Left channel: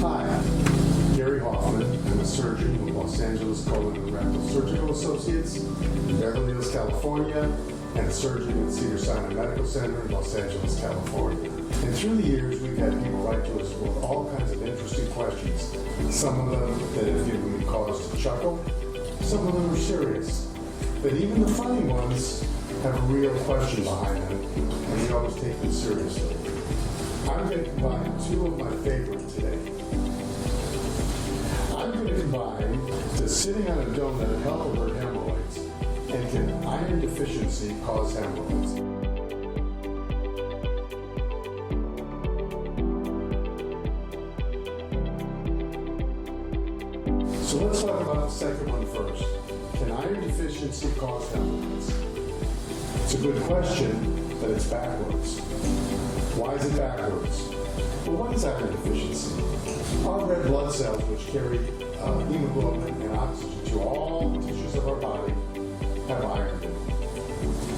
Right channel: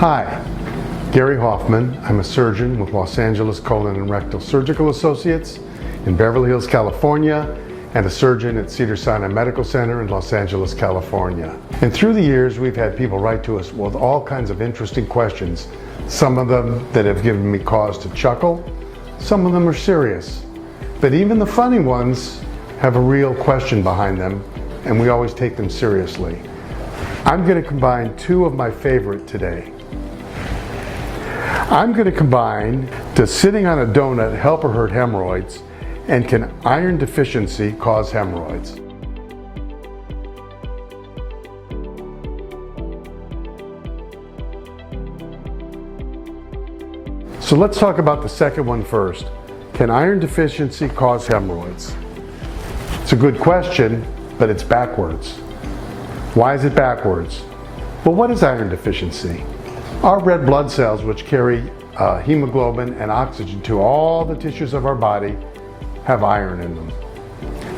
Hi, Gary Hoffman. I'm a surgeon with Los Angeles Colon and Rectal Surgical Associates in Beverly Hills, California, and a surgeon at Cedars-Sinai Medical Center in Los Angeles, California. And through the years, we've had people write to us with all kinds of interesting questions. Some of them that have given me cause to chuckle, some of them are serious. But even the funny ones have a real question behind them, and we always take them seriously. I'm going to combine two of my favorite today. I'm going to combine, does sitting on a donut help or hurt hemorrhoids, and can iron deficiency cause hemorrhoids? So let's talk about the second one first. Can iron deficiency cause hemorrhoids? It's a good question, but it's backwards. Why is it backwards? Well, what is iron deficiency? Our red blood cells, which carry hemoglobin and oxygen to all the tissues of our body, have iron in them.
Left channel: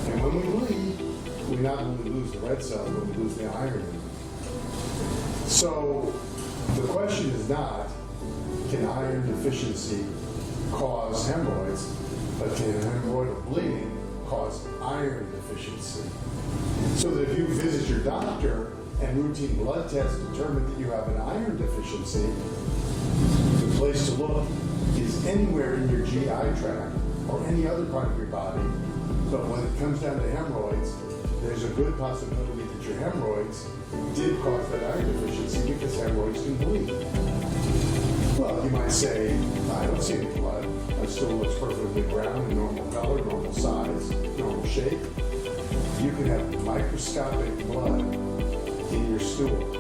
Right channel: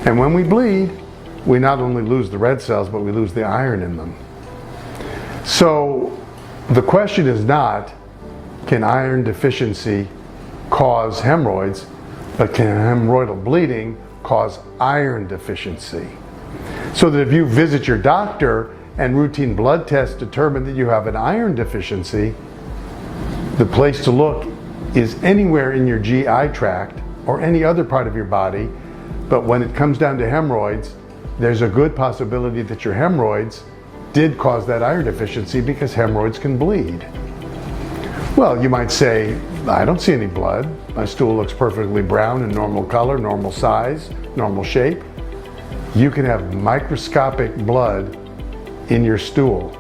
And when we bleed, we not only lose the red cells, but we lose the iron in them. So the question is not, can iron deficiency cause hemorrhoids, but can hemorrhoidal bleeding cause iron deficiency? So that if you visit your doctor and routine blood tests determine that you have an iron deficiency, the place to look is anywhere in your GI tract or any other part of your body. But when it comes down to hemorrhoids, there's a good possibility that your hemorrhoids did cause that iron deficiency, because hemorrhoids can bleed. Well, you might say, I don't see any blood. My stool looks perfectly brown and normal color, normal size, normal shape. You can have microscopic blood in your stool,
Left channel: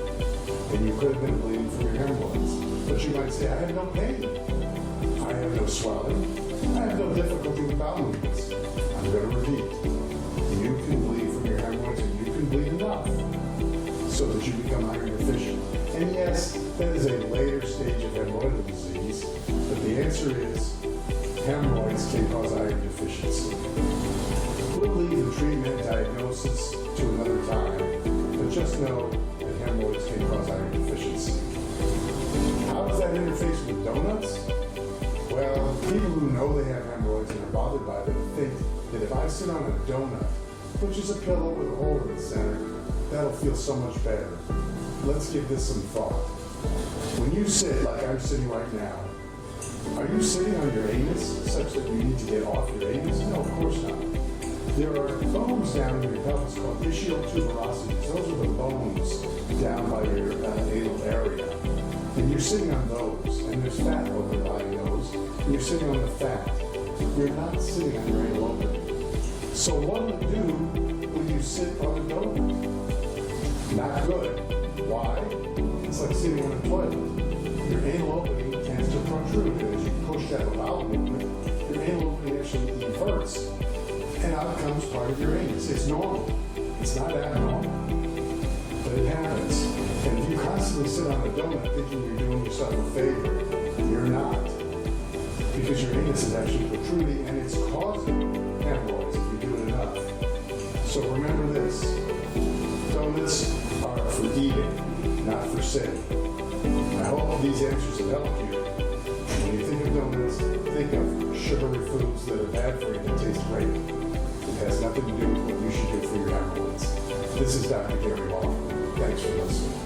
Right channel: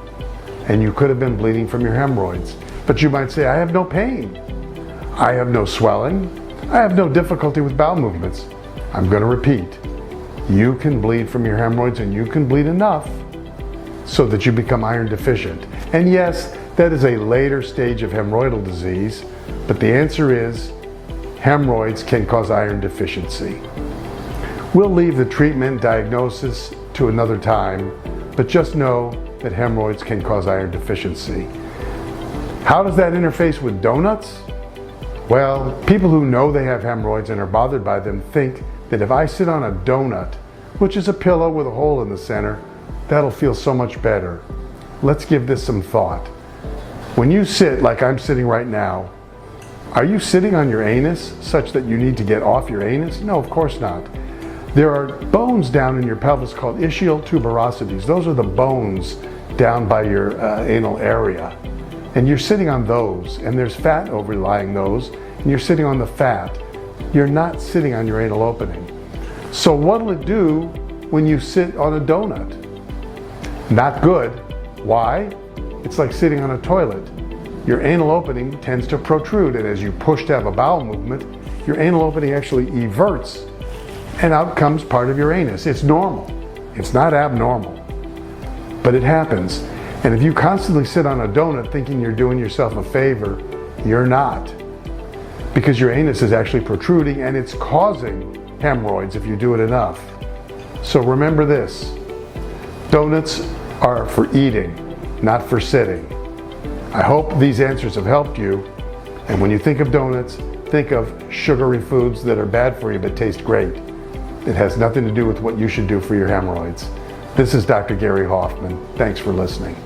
and you could have been bleeding from your hemorrhoids. But you might say, I have no pain. I have no swelling. I have no difficulty with bowel movements. I'm going to repeat. You can bleed from your hemorrhoids, and you can bleed enough so that you become iron deficient. And yes, that is a later stage of hemorrhoidal disease, but the answer is hemorrhoids can cause iron deficiency. We'll leave the treatment diagnosis to another time, but just know that hemorrhoids can cause iron deficiency. How does that interface with donuts? Well, people who know they have hemorrhoids and are bothered by them think that if I sit on a donut, which is a pillow with a hole in the center, that'll feel so much better. Let's give this some thought. When you sit like I'm sitting right now, are you sitting on your anus such that you need to get off your anus? No, of course not. There are bones down in your pelvis called ischial tuberosities. Those are the bones down by your anal area. And you're sitting on those, and there's fat overlying those, and you're sitting on the fat. You're not sitting on your anal opening. So what'll it do when you sit on a donut? Not good. Why? It's like sitting on a toilet. Your anal opening tends to protrude, and as you push to have a bowel movement, your anal opening actually everts, and out comes part of your anus. It's normal. It's not abnormal, but it happens. And if you constantly sit on a donut thinking you're doing yourself a favor, you're not, because your anus is actually protruding, and it's causing hemorrhoids if you do it enough. So remember this, donuts are for eating, not for sitting. I hope these answers have helped you. And when you think of donuts, think of sugary foods that are bad for you but taste great. It has nothing to do with what you should do for your hemorrhoids. This is Dr. Gary Hoffman. Thanks for listening.